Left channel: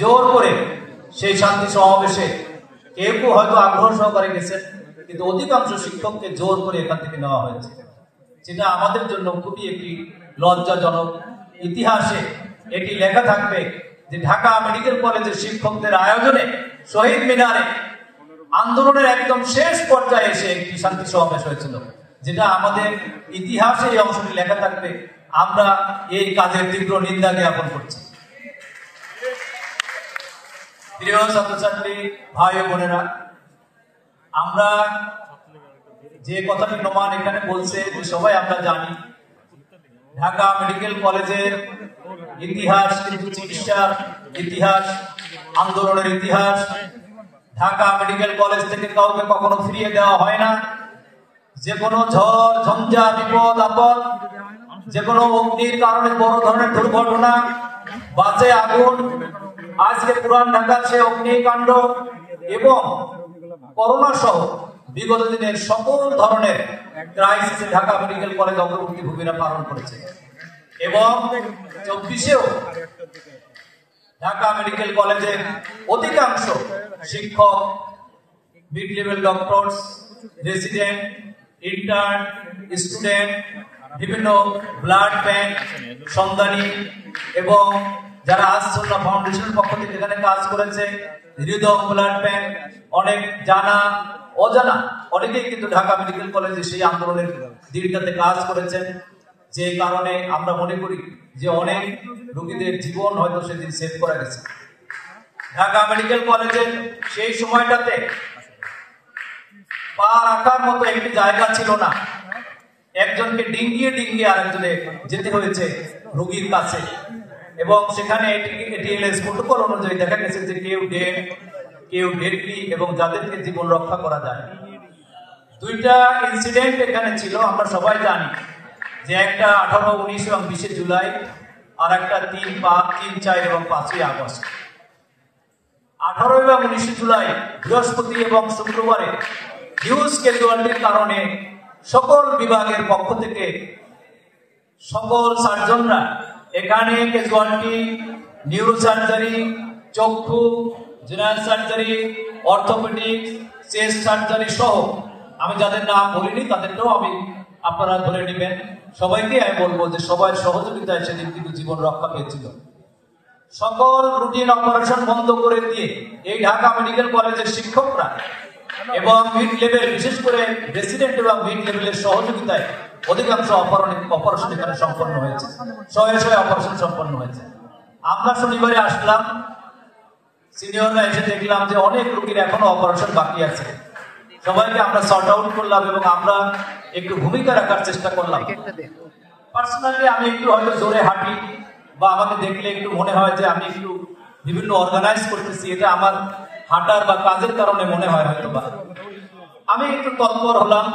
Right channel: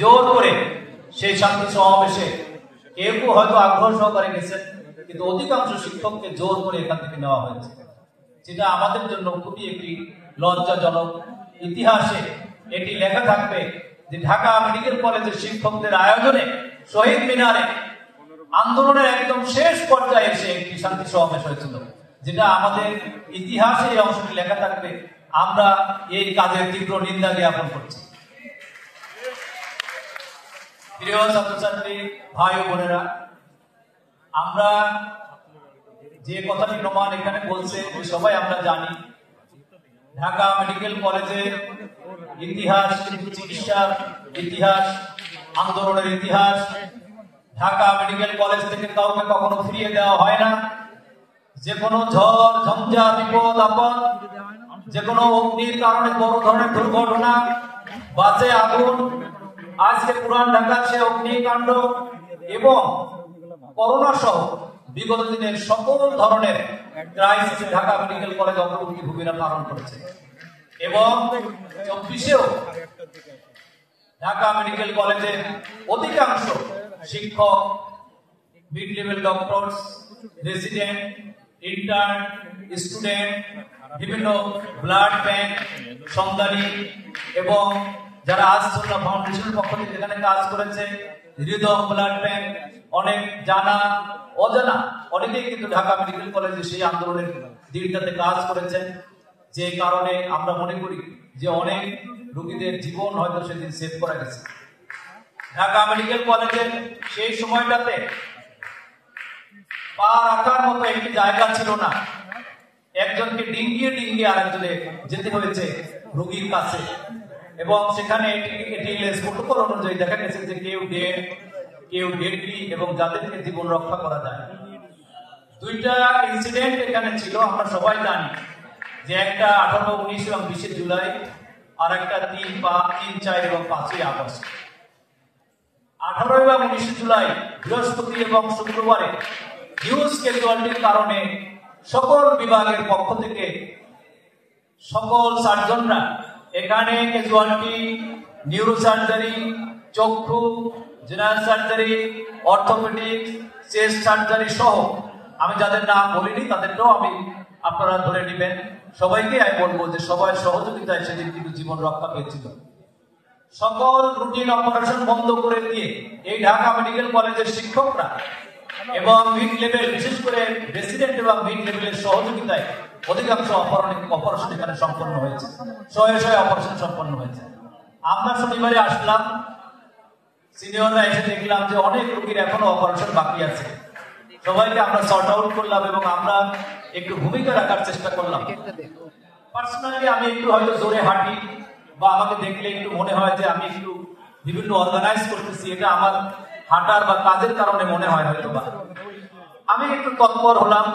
জোর করে সেই শান্তি সমাবেশে কেউ কেউ হয়তো আগ্রহ সহকারে গেছেন, কিন্তু অধিকাংশ শিক্ষককে জোর করে এখান থেকে নেওয়া হয়েছে, যেটা আমাদের জন্য খুবই একটি লজ্জাজনক। ইতিহাসে এটি লেখা থাকবে যে ঢাকা মেডিকেল কলেজের শিক্ষকদের আয়োজনে শহীদ মিনারে আন্দোলনের একদম শেষ পর্যায়ে এসে একটি শান্তি সমাবেশ হয়েছিল, যেটা আমাদের ইতিহাসে এই অংশটি লেখা থাকবে। আমরা এই কাজের তীব্র নিন্দা জ্ঞাপন করছি। প্রিয় ছাত্রছাত্রী ভাই বোনেরা, আমরা যে কথাটি প্রমাণ এখানে বলছে সবাই আমরা জানি, ঢাকা মেডিকেল কলেজের ইতিহাস কিন্তু চিকিৎসার ইতিহাস, আন্দোলনের ইতিহাস। ঢাকা মেডিকেল কলেজ থেকে কাউকে কখনো ফিরিয়ে দেওয়া হয় না। যে কোনো ঝড় ঝঞ্ঝা বিপদ আপদ, যে কোনো অগ্নির কারণে বড় ধরনের দুর্ঘটনা, বাসে আগুন, আজকে পুরান ঢাকার সে অগ্নিকাণ্ড এবং করোনা সহ বিগত দিনের সকল ধরনের ক্রাইসিসে ঢাকা মেডিকেল কলেজ অগ্রগতি ভূমিকা পালন করেছে। এবং 24-এও ঢাকা মেডিকেল কলেজের অধিকাংশ শিক্ষক, mid level doctors, resident, intern, student, বিভিন্ন ব্লাড ব্যাংক সন্ধানী এবং যারা আসুন্নাহ ফাউন্ডেশনের পক্ষ থেকে এখানে কাজ করেছে, হৃদয় ব্লাড ব্যাংক, অনেক জানা অজানা অনেকেই কিন্তু ঢাকা মেডিকেল কলেজে সেই আন্দোলনের দিকটাতে কাজ করেছেন, যে কারণে আমরা মনে করি যে অনেক রোগীদের জীবন হয়তো সেদিন সেভ করা গেছে। ঢাকা মেডিকেল কলেজের সেই সময়টাতে পা রাখার মতো একটি জায়গা ছিল না। একজনকে ডিঙ্গিয়ে ডিঙ্গিয়ে আরেকজনে যেতে হয়েছে রোগীর কাছে, এবং সেখানে এটিএলএস প্রোটোকল অনুযায়ী দেখা গেছে যে কেউ ডেড, কেউ ডেডলি, এবং যাদেরকে জীবন রক্ষা করা যায়। দুইটা ইনসিডেন্ট এখানে ছিল, আমরা সবাই জানি যে একটা 18, 19 এবং 20 জুলাই, আর একটা 3, 4 এবং 5 আগস্ট। 18 এবং 19 জুলাই বৃহস্পতি এবং শুক্রবারে হিউজ ক্যাজুয়ালিটির কারণে সকল বিভাগের পক্ষ থেকে সকল সার্জনরা এখানে ক্যাজুয়ালিটি, নিউরোসার্জারি, চক্ষু, general surgery, orthopaedics, chest surgery সহ আমি যাদের নাম বলিনি তাদেরকেও আপনারা ধরে নেবেন। সবাইকে আমি বলবো যে সবাই সহযোগিতায় সেদিন কিন্তু জীবন রক্ষা পেয়েছিল। সকল রুটিন অপারেশন বন্ধ করে দিয়ে এই ঢাকা মেডিকেল কলেজের শিক্ষকরা এবং মিড লেভেল, বিশেষ করে রেসিডেন্ট এবং মিড লেভেলের সহযোগিতায় অধিকাংশ অপারেশন এখানে সম্পন্ন হয়েছে, শয়ে অপারেশন সম্পন্ন হয়েছে। আমরা শনিবারে আসলাম, সিনিয়ররা এসে দেখলাম যে অনেক রোগীর এখনো অপারেশন বাকি আছে। সবাইকে আমরা সর্ট আউট করলাম এবং আমরা একটু ভূমিকা রাখার চেষ্টা করলাম। পার্সোনালি আমি একটু হয়তো জোরে হাঁটি বা আমাকে দেখলে একটু মনে হয় যে আমি একটু বিভিন্ন অর্গানাইজ করতেছি, এটা আমার হাঁটার বা কাজের কারণে মনে হয় হয়তো বা। আমি একটু তৎপর হলাম,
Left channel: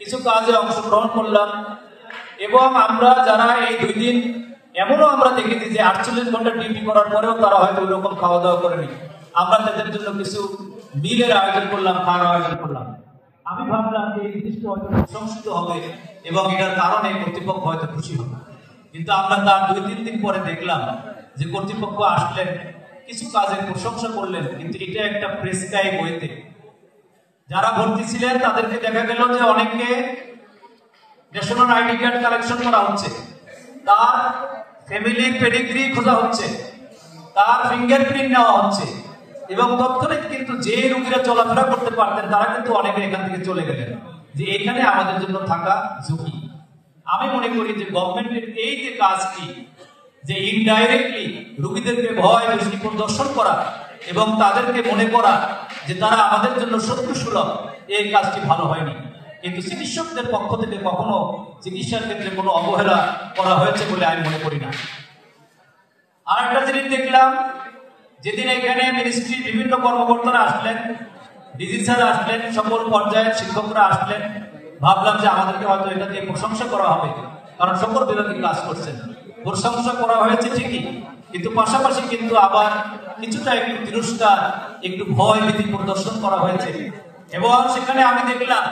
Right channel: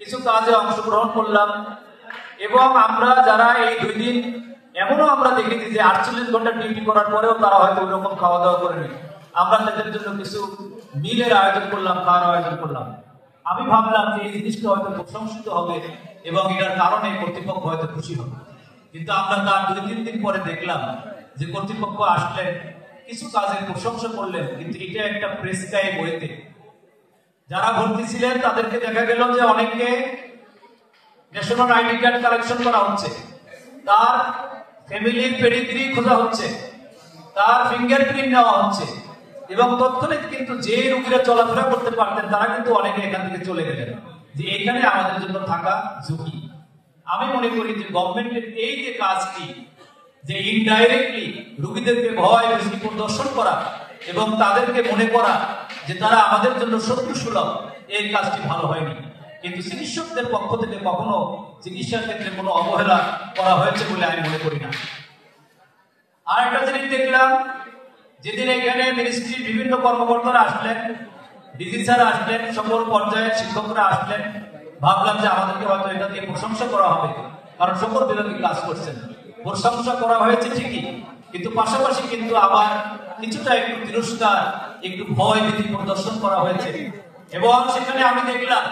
কিছু কাজে অংশগ্রহণ করলাম, এবং আমরা যারা এই 2 দিন এমনও আমরা দেখেছি যে 48 ঘন্টা ডিউটি করার পরেও তারা হয়তো ওই রকম খাওয়া দাওয়া করেনি। আমরা তাদের জন্য কিছু মিলের আয়োজন করলাম, খাওয়ার আয়োজন করলাম। আমি ভাবলাম যে এই জিনিসটা হয়তো প্রশংসিত হবে এবং এটার কারণে কর্তৃপক্ষ হয়তো খুশি হবে, কিন্তু আমরা তার 2-3 দিন পরে দেখলাম যে কর্তৃপক্ষ আসলেন, কিছু কাজের প্রশংসা করলেন, কিন্তু এটা একটা প্রেসক্রাইব বইতে যারা ভর্তি ছিলেন তাদেরকে দেখা গেল যে অনেককে ন্যাশনাল আইডি কার্ড কালেকশন করা হচ্ছে, তার ফ্যামিলি পেডিগ্রি খোঁজা হচ্ছে, তার ফিঙ্গারপ্রিন্ট নেওয়া হচ্ছে, এবং তৎক্ষণিক কিন্তু যে রোগীরা চলাফেরা করতে পারতেন তারা কিন্তু অনেকে এখান থেকে চলে গেলেন, যে এখানে আমাদের জন্য থাকা ঝুঁকি। আমি মনে করি যে গভর্নমেন্টের এই যে কাজটি, যে ইনডাইরেক্টলি রোগীদেরকে ভয় ভীতি প্রদর্শন করা এবং তাদেরকে মনে করা যে তারা আমাদের জন্য শত্রু সুলভ, এই কাজটি ভালো হয়নি। কিন্তু চিকিৎসকদের পক্ষ থেকে কখনো চিকিৎসার ক্ষেত্রে কোনো অবহেলা করা হয়েছে বলে আমি মনে করি না। আর একটা জিনিস দেখলাম, যেদিন এখানে মিনিস্ট্রির বিভিন্ন কর্মকর্তারা আসলেন, ডিজি স্যার আসলেন, সকল পর্যায়ের শিক্ষকরা আসলেন, ভাবলাম যে আমাদেরকে হয়তো এটা দিয়ে প্রশংসা করা হবে, কারণ সকল বিভাগে কাজ করছেন। প্রশংসা করা হয়েছে ঠিকই, কিন্তু পাশাপাশি কিন্তু আবার কিছুটা একটু তিরস্কার, একটু ভয় ভীতি প্রদর্শন করা হয়েছে। এবং সেখানে আমি দেখলাম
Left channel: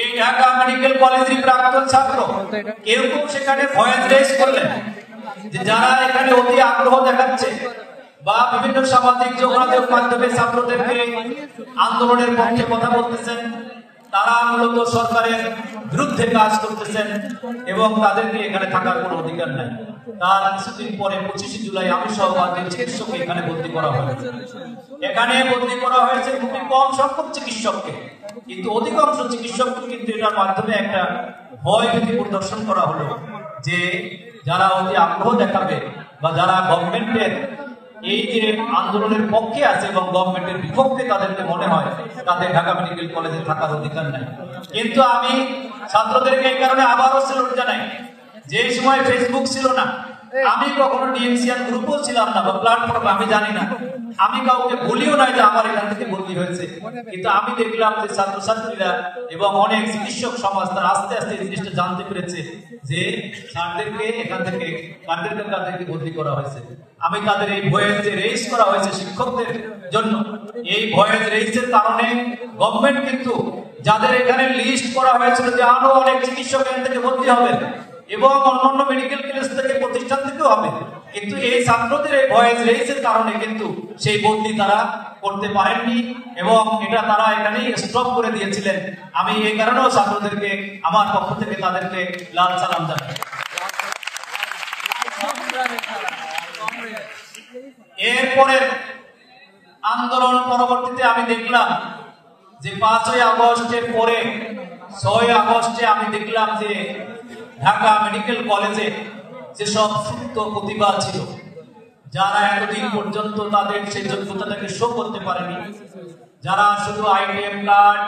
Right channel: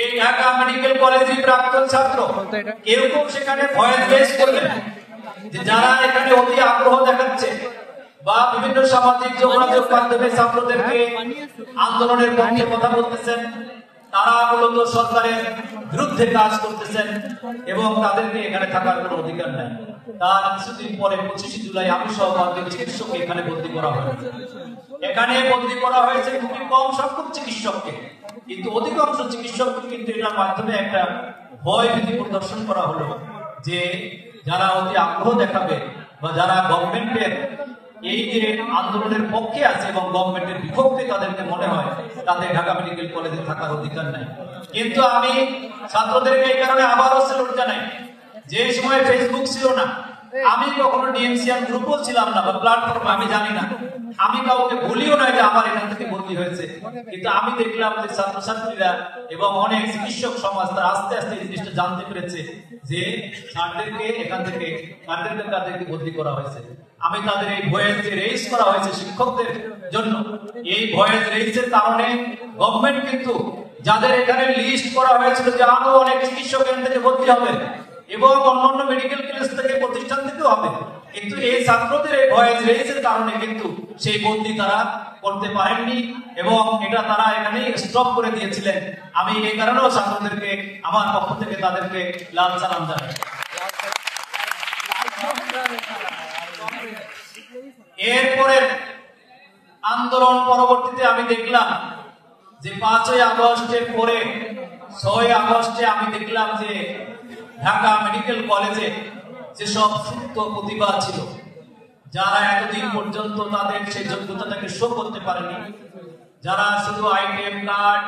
এই ঢাকা মেডিকেল কলেজের প্রাক্তন ছাত্র কেউ কেউ সেখানে ভয়েস রেজ করলেন যে যারা এখানে অতি আগ্রহ দেখাচ্ছে, বা বিভিন্ন সামাজিক যোগাযোগ মাধ্যমে ছাত্রদেরকে আন্দোলনের পক্ষে কথা বলতেছেন, তারা মূলত সরকারের বিরুদ্ধে কাজ করতেছেন এবং তাদেরকে এখানে থাকার কোনো অধিকার নেই। তার কিছুদিন পরে 25 জুলাই আমি সহ চিকিৎসককে এখানে ভর্তি করা হয়েছে। এখানে ভর্তি করা হয়েছে খুবই কম সংখ্যক চিকিৎসককে, কিন্তু অধিকাংশ চিকিৎসককে কিন্তু এটার মাধ্যমে একটা ভয় ভীতি প্রদর্শন করা হলো যে যারা অতি আগ্রহ দেখাবে বা যারা গভর্নমেন্টের এই যে আন্দোলনের পক্ষে আছে এবং গভর্নমেন্টের বিপক্ষে তাদেরকে মনে হয় তাদের ঢাকা মেডিকেল কলেজে থাকার অধিকার নাই। কিন্তু আমি ছাত্রদেরকে এই কারণে আবারও স্যালুট জানাই, যে সময় ফেসবুক ছিল না, আমি কখনো ডিএমসিআর গ্রুপও ছিলাম না বা প্ল্যাটফর্মে, আমি জানি না, আমি কাউকে বলিও না যে আমার এখান থেকে ভর্তি হয়েছে, কিন্তু আমি দেখলাম যে ছাত্রছাত্রীরা এবং অনেক চিকিৎসক সমাজ তারা আস্তে আস্তে এই জিনিসটা জানতে পেরেছে যে স্যারদেরকে এখান থেকে কাদেরকে ভর্তি করা হয়েছে। আমি তাদের এই ভয়েস যে রেইজ করা হয়েছে শিক্ষকদের জন্য, এই ভয়েস রেইজের কারণে গভর্নমেন্ট কিন্তু যাদের এখানে লিস্ট করা হয়েছিল যে আরো অনেক চিকিৎসক এখান থেকে ভর্তি হবে এবং অন্যান্য মেডিকেল কলেজ থেকে প্রতিষ্ঠান থেকেও হবে, কিন্তু এই ছাত্রদের এই ভয়েস রেইজের কারণে কিন্তু সেই ভর্তি তারা করতে পারেননি এবং এটা তারা এখানে স্টপ করে দিয়েছিলেন। আমি এই কারণেও ছাত্রদেরকে আমার পক্ষ থেকে তাদেরকে লাল সালাম জানাই। এরপরে আন্দোলন পরবর্তীতে আমি দেখলাম যে 5ই আগস্টের পরে 6ই আগস্টে আমি দেখলাম যে ঢাকা মেডিকেল কলেজে যেসব সুপ্ত প্রতিভা ছিল, যারা এতদিন পর্যন্ত তাদের সেই যোগ্যতাটাকে শো করতে পারেনি, যারা শুধু আইটিএম কার্ড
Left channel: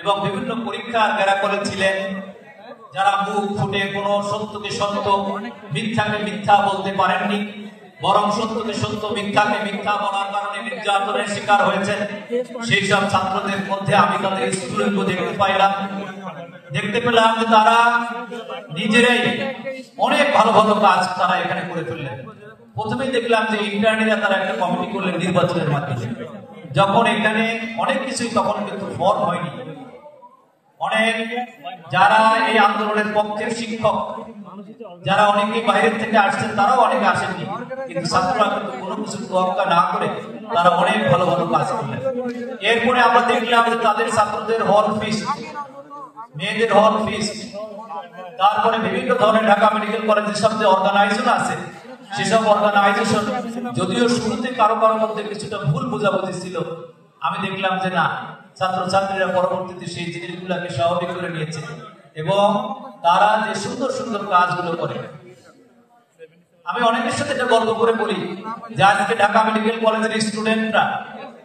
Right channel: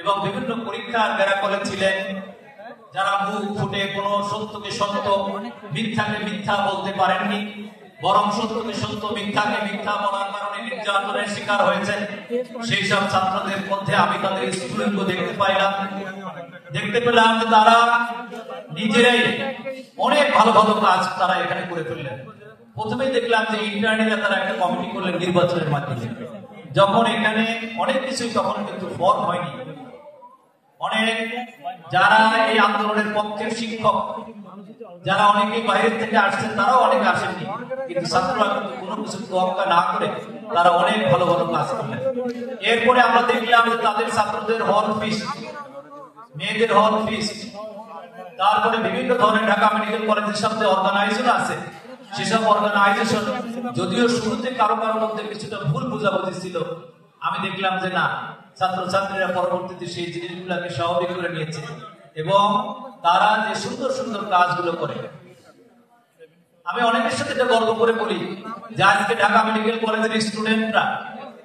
এবং বিভিন্ন পরীক্ষার বেড়া করেছিলেন, যারা মুখ ফুটে কোনো সত্যকে সত্য মিথ্যাকে মিথ্যা বলতে পারেননি, বরং সত্যকে সত্য মিথ্যাকে মিথ্যা বলার কারণে নির্যাতনের শিকার হয়েছে, সেই সব ছাত্রদের মধ্যে আমি তাদের স্ফুলিঙ্গ দেখতে পেলাম যে তারা নিজেরাই অনেক ভালো ভালো কাজ তারা এখানে করে ফেললেন। প্রথমেই দেখলাম যে ইন্টারনেটে তারা একটা কমিটি করলেন নির্বাচনের মাধ্যমে, যখন এখানে অনেক কিছুই তখন কিন্তু ফর্ম হয়নি, অনেক যারা এই আন্দোলনের পক্ষের শিক্ষক যারা অনেকে বাইরের থেকে আসছেন তারাও অনেকে আসেননি, কিন্তু ছাত্ররা কিন্তু কোনো কিছু তোয়াক্কা না করে তারা অনেক ভালো ভালো কাজ করলেন। এরপরে আমরা দেখলাম যে তাদের ছাত্রদের হল ফিস্ট, মেয়েদের হল ফিস্ট, তারপরে বিভিন্ন ধরনের ঢাকা মেডিকেল কলেজের সব যে অর্গানাইজেশন আছে সেসব অর্গানাইজেশন যদিও শুরুতে কারো মধ্যে কিছুটা ভুল বোঝাবুঝি ছিল, আমি দেখলাম যে না, ছাত্রছাত্রীরা পরবর্তীতে সেই জিনিসগুলোকে স্বাভাবিক করে নিয়েছে এবং তারা যে সুন্দর সুন্দর কাজগুলো করে। আমি অনেকের সাথে এটা গর্ব করে বলি যে আজকে ঢাকা মেডিকেল কলেজের স্টুডেন্টরা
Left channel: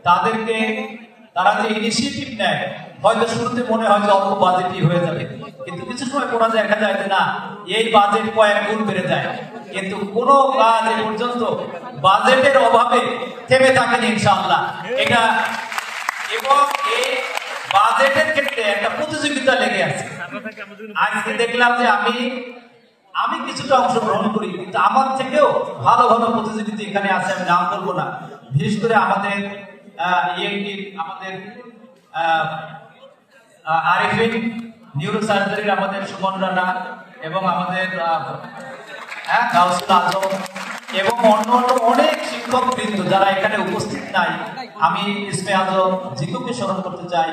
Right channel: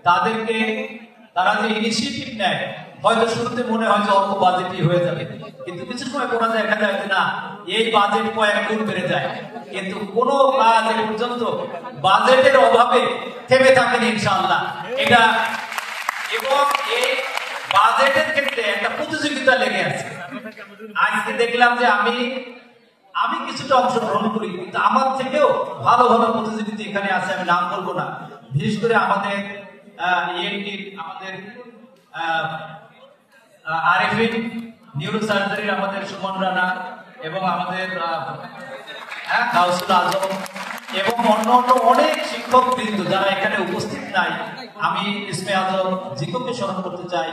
তাদেরকে তারা যে ইনিশিয়েটিভ নেয়, হয়তো শুরুতে মনে হয় যে অল্প বাজেটই হয়ে যাবে, কিন্তু কিছু সময় পড়া দেখা যায় যে না, এই বাজেট কয়েক গুণ বেড়ে যায়, কিন্তু কোনো কাজ এ পর্যন্ত বাজেটের অভাবে থেমে থাকেনি ইনশাআল্লাহ। এটা এবং এই বাজেটের ক্ষেত্রে একটা প্রতিযোগিতা লেগে আছে। আজকে দেখলাম যে আমি কিছুটা অংশগ্রহণ করি, কিন্তু আমার থেকেও ভালো ভালো প্রতিযোগিতা এখানে আছে, আমি নাম বলবো না। বিশেষ করে আমাদের আমাদের আরিফিন নিউরো সার্জারির আমাদের সুমন রানা এবং আমাদের গাউসুল আজম এবং অন্য অনেক শিক্ষক বৃন্দ যারা এখানে উপস্থিত নাই, আমি ইসমে আজম জিতুকে স্মরণ করতে চাই,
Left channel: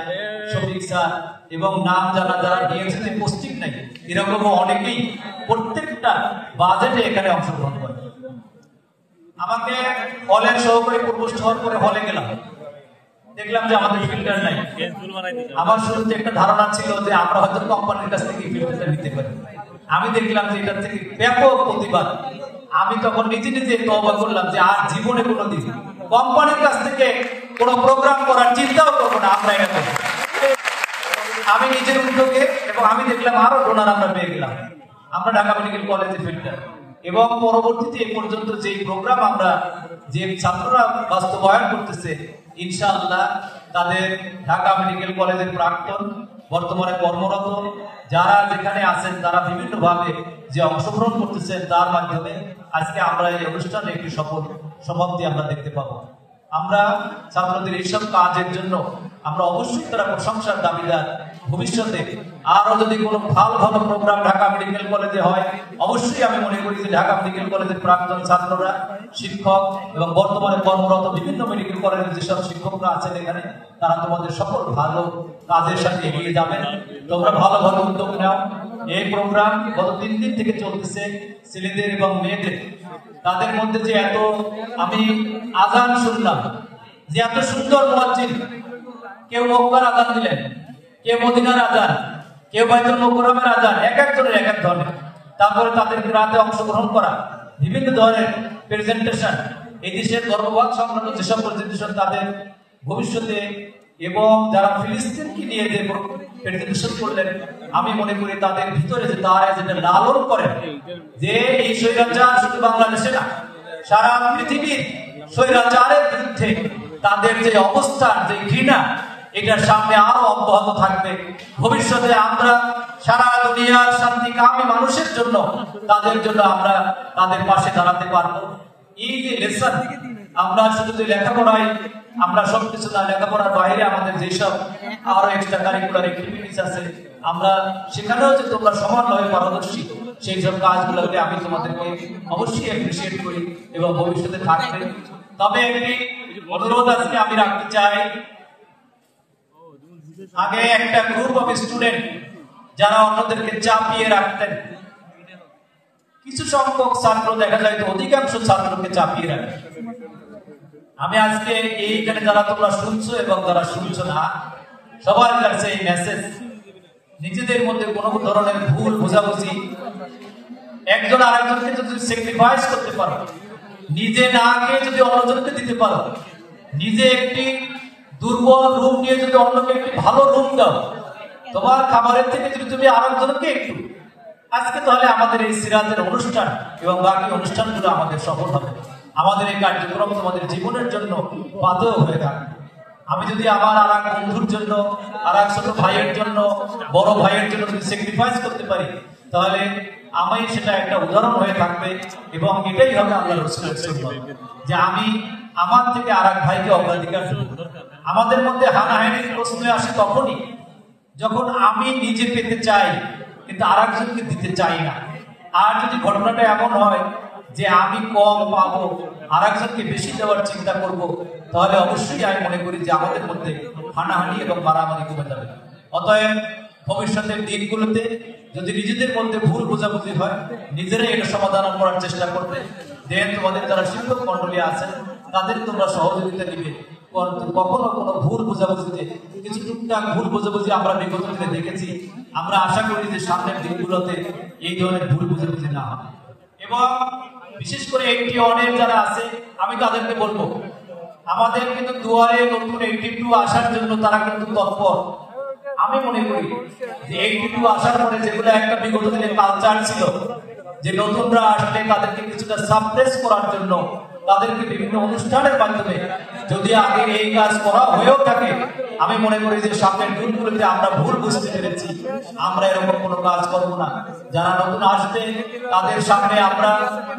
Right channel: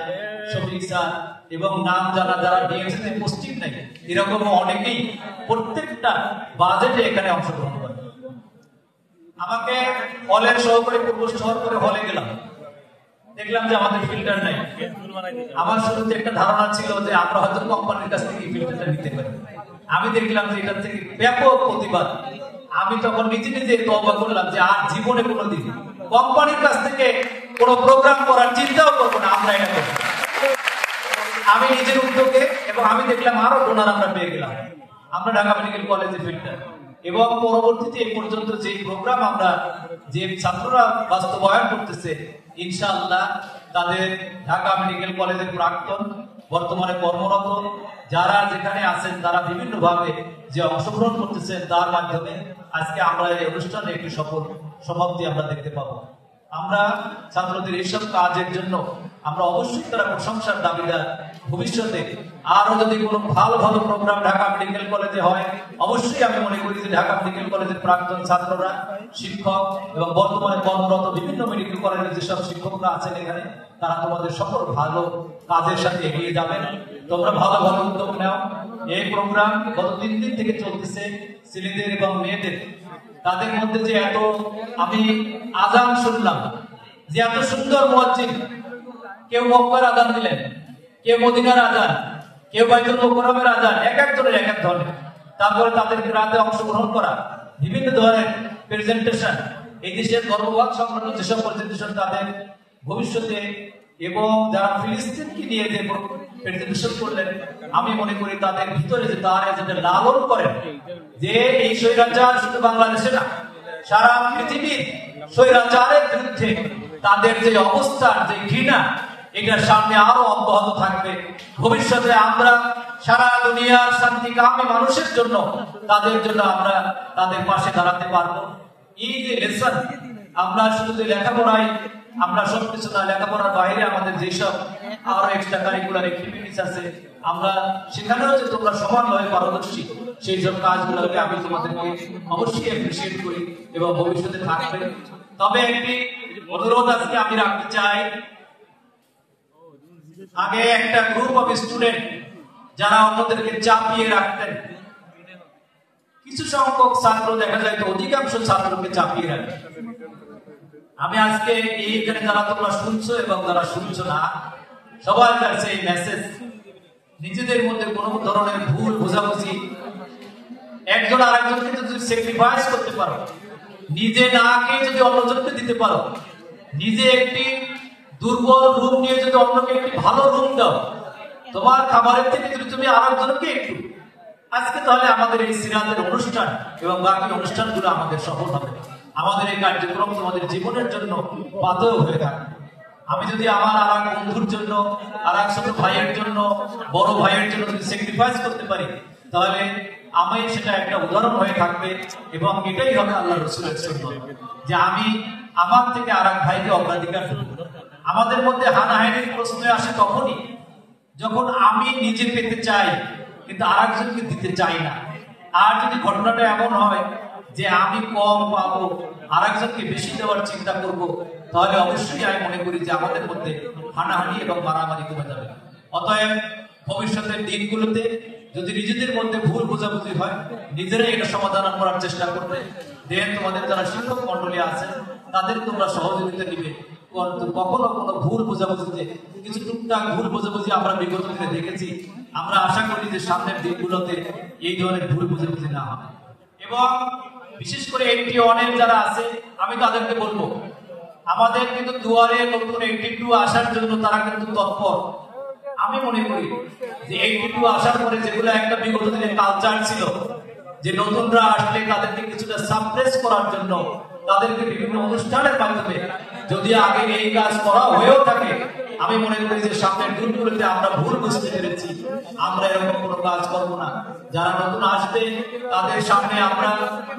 শফিক স্যার এবং নাম জানা যারা ডিএমসিতে পোস্টিং নেই, এরকম অনেকেই প্রত্যেকটা বাজেটে এখানে অংশগ্রহণ করে। আমাকে হলের সহকারী প্রভোস্ট হওয়ার পরে হলে গেলাম, দেখলাম যে আমাদের ফিল্টার নাই। আমার শুরুতে একটা ধারণা ছিল যে আমরা হয়তো কোম্পানির কাছ থেকে ফিল্টারটা নিতে পারি, আমি দেখলাম যে এটার থেকে ব্যাপক প্রতিবাদ। আমি তখন নিজে তওবা করলাম যে আর জীবনে কোনোদিন কোম্পানির কাছ থেকে কোনো প্রোগ্রাম করার চিন্তাও করবো না, আমরা এটা করবো। আমি নিজের উদ্যোগে এবং আমি দেখলাম আরো ডোনার আমরা পেয়ে গেলাম, আমরা ঢাকা মেডিকেল কলেজে ফিল্টার এবং পরবর্তীতে এই পর্যন্ত যে প্রোগ্রাম আমরা যে ছাত্ররা বাস্তবায়ন করতেছে, ইনশাআল্লাহ তাদের ঢাকা মেডিকেল কলেজের প্রাক্তন বর্তমানে কর্মরত যারা যেখানে আছেন তারা বিভিন্ন ভাবে যে অংশগ্রহণ করতেছেন, তার মাধ্যমে আজকে আমরা এই অনুষ্ঠানে একটি সফল সমাপ্তি আমরা দেখতে পাবো। আমরা ছাত্রদের এইসব কাজের জন্য আমরা অবশ্যই তারা প্রশংসার দাবিদার। ভবিষ্যতে আরো যদি কোনো ভালো ভালো প্রোগ্রাম ঢাকা মেডিকেল কলেজে হয়, অবশ্যই আমি মনে করি যে ঢাকা মেডিকেল কলেজের প্রাক্তন ছাত্ররা, শিক্ষক এবং বর্তমানে কর্মরত বিভিন্ন মেডিকেল কলেজের যেসব শিক্ষকরা আছেন এখানে, তারা তোমাদের সকল ভালো কাজের সাথে এগিয়ে যাবেন। তোমরা ভালো ভালো উদ্যোগ নাও। এই প্রোগ্রাম গত 3 দিন থেকে চলতেছে। ছেলেদের এবং মেয়েদের, তাদের মধ্যে যে এত, আমি আজান শুনলাম যে এত সুন্দর মুয়াজ্জিন, কেউ মক্কার আজান দিলেন, কেউ মদিনার আজান, কেউ বাইতুল মুকাররমের আজান, এক একজনের এক এক ধরনের। তারপরে তাদের রাতে অংশগ্রহণ করা, বিভিন্ন ধরনের প্রেজেন্টেশন, এই দেশের ধর্মবাদ সংক্রান্ত যেসব প্রেজেন্টেশন তাদের ভবিষ্যতে, এবং যারা ফিলিস্তিনকে নিয়ে যে প্রেজেন্টেশন করলেন, আমি মনে করি তাদের ভিতরে যে তারা যেটা লালন করেন, যে এই স্বৈরাচার শুধু বাংলাদেশে না, সারা পৃথিবীর স্বৈরাচারের বিরুদ্ধে তাদের যে অবস্থান, যে ঘৃণা, এটার সামনে আরো অব্যাহত থাকবে। ভবিষ্যতে আমরা সারা দুনিয়ার শান্তিকামী মানুষের জন্য, তাদের জন্য আমরা তাদের পাশে দাঁড়াতে পারবো। এই যে লেসন, আমরা শুধু যে লেখাপড়ায় আমরা সবকিছু না, লেখাপড়ার বাইরে আমাদের যেসব আরো এক্সট্রা কারিকুলার অ্যাক্টিভিটিস আছে, আমরা সেখানেও যে তোমরা সমানভাবে পারদর্শী, সেই সব কাজগুলোকে আমি তোমাদেরকে অবশ্যই অ্যাপ্রিসিয়েট করি এবং ভবিষ্যতে থাকবে। তবে একটি অনুরোধ আজকে আমি রাখতে চাই। আগে একটা গ্রুপ অফ স্টুডেন্ট যারা অন্যদেরকে চাপিয়ে রাখতেন, কিছু সংখ্যক ছাত্র দেখা যায় তো অধিকাংশ ছাত্রকে চাপিয়ে রাখে। আমি আজকে এইখানে যারা তোমরা শুনছো এবং যারা শুনছো না, সবার কাছে এই মেসেজ, নিজেদের মধ্যে কোনো ধরনের ভুল বোঝাবুঝি, একজন আরেকজনকে যদি স্যাক্রিফাইস করতে পারো, নিজে না খেয়ে যদি অন্যজনকে দিতে পারো, নিজে একটি দুর্বল রুম নিয়ে যদি অন্যকে একটি ভালো রুম দাও, তোমার খাবারের থেকে যদি তুমি আরেকজনকে একটু, আজকে তাহলে আমাদের এই সিরাতের অনুষ্ঠান এবং বাকি অনুষ্ঠানগুলো আমাদের সফল হবে। আমাদের এই কার্যক্রম তোমাদের জীবনের জন্য বাধক হয়ে থাকে। আমি যদি আমার আর এক বন্ধুর জন্য, আর এক ছোট ভাইয়ের জন্য, বড় ভাইয়ের জন্য যদি স্যাক্রিফাইস করতে পারি, তাহলে আমি সেটা একটা উদাহরণ হয়ে থাকবে। এবং এটাই হবে আল্লাহ রাসূলের সুন্নাত, যে আমি আমার থেকে আর এক ভাইকে অগ্রাধিকার দেব। আমাদের মধ্যে হানাহানির প্রশ্ন আসে তখনই যখন আমি নিজে পেতে চাই কিন্তু আর একজনকে দিতে চাই না। আর যদি ঘটনাটা এমন হয় যে আমি কম পাবো, আর একজনকে বেশি দেওয়ার চিন্তা করব, তাহলে অবশ্যই আমি মনে করি যে আমাদের মধ্যে হানাহানি এবং মারামারি কমে যাবে। অতএব ভবিষ্যতের দিনগুলোতে যদি নিজেদের মধ্যে ভুল বোঝাবুঝি হয়, নিজেরাই এটা সমাধান করার চেষ্টা করবে। দেন তোমাদের যারা শিক্ষক মন্ডলী আছেন, তাদের তোমরা সহযোগিতা দিবে। কখনো কোনো ভুল বোঝাবুঝিতে, কিছু টুকটাক ভুল বোঝাবুঝি আমরা বিগত দিনে দেখেছি। আমরা আশা করি যে সামনের দিনগুলোতে এই ধরনের ভুল বোঝাবুঝি না হয়। এবং বিশেষ করে একটি অনেক যারা আছে, আমি তাদেরকে বলবো, আমাদের কিন্তু দুয়ারে নতুন 82 আসার জন্য তারা কিন্তু তৎপর। আমি মনে করি যে 82 আসার পরে যেগুলো একটা বিগত দিনে কালচার ছিল, যে নতুনরা আসলে তাদেরকে কিছুটা সাপ্রেস করার জন্য তাদেরকে বিভিন্ন অনুষ্ঠানের মাধ্যমে যদি আগে এই কাজ করা হয়েও থাকে, আমি মনে করি যে সামনের দিনগুলোতে আমরা ভুল বুঝতে পেরেছি, আমরা এরকম কোনো কাজ করবো না। যারা নতুন আসবে তাদের সামনে আমরা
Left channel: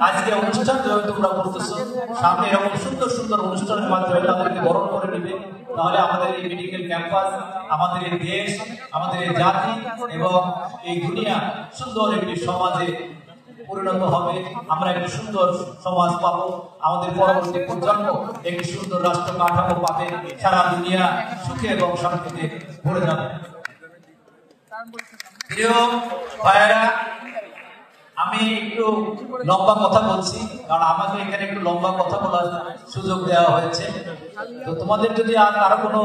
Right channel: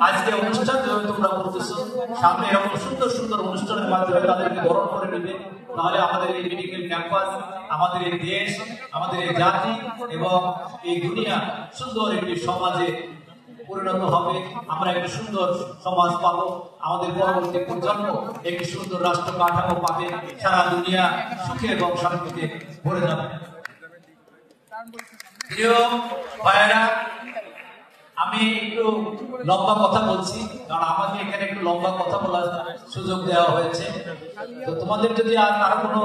আজকে অনুষ্ঠান যেহেতু তোমরা করতেছো, সামনে এরকম সুন্দর সুন্দর অনুষ্ঠানের মাধ্যমে তাদেরকে বরণ করে নেবে। তাহলে আমাদের এই মেডিকেল ক্যাম্পাস, আমাদের এই দেশ, আমাদের এই জাতি এবং এই দুনিয়া সুন্দর একটি সমাজে পরিণত হবে। আমরা একটি সুন্দর সমাজ পাবো, আমাদের পরবর্তী প্রজন্ম একটি সুন্দর রাষ্ট্র কাঠামো পাবে, সারা দুনিয়া সুখে এবং শান্তিতে ভরে যাবে। প্রিয় ভাইয়েরা, আমি একটু লম্বা কথা বলছি, কারণ আমাকে এখানে একটু লম্বা কথা বলার সুযোগ দেওয়া হয়েছে। তো তোমাদের যদি আরো কোনো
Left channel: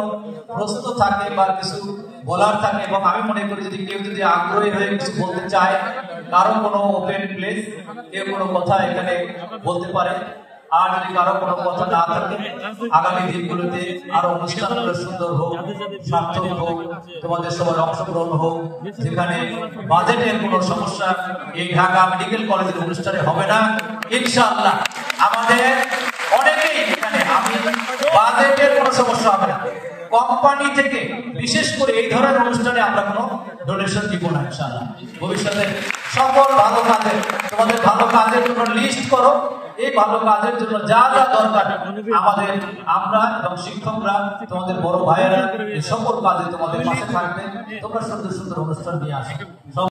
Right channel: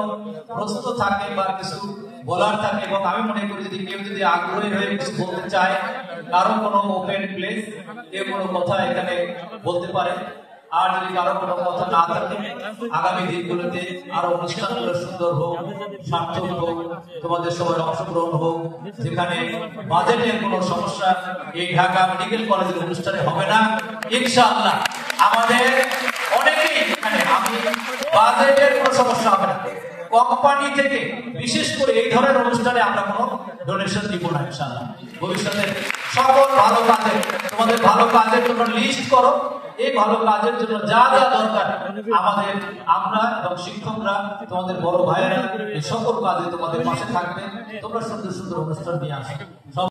প্রশ্ন থাকে বা কিছু বলার থাকে, এবং আমি মনে করি যদি কেউ যদি আগ্রহী হয়ে কিছু বলতে চায়, কারো কোনো ওপেন প্লেস, কেউ কোনো কথা এখানে বলতে পারে। আর যদি কারো কোনো কথা না থাকে, আগামী দিনগুলোতে আরো অনুষ্ঠানগুলো সুন্দর হোক, সার্থক হোক, তোমাদের সবার অংশগ্রহণ হোক, যেখানে বাজেটের কোনো সমস্যা এই ঢাকা মেডিকেল কলেজের অনুষ্ঠানে হবে না ইনশাআল্লাহ। আমাদের অনেকেই এখানে, আমি বাজেটের কোনো সমস্যা হবে না। কোম্পানি থেকে বিশেষ করে এই ধরনের অনুষ্ঠানে আমরা কোনো ডোনেশন দিব না ইনশাআল্লাহ। ভবিষ্যতে সকল ভালো কাজে, তোমাদের ভালো কাজের জন্য লিস্ট করো, এই ভালো কাজের জন্য যা যা দরকার আমরা এবং শিক্ষকরা, তোমাদের বড় ভাইয়েরা এই সকল কাজে তোমাদের পাশে থাকবে। তোমরা সুন্দর সুন্দর অনুষ্ঠান নিয়ে আসো।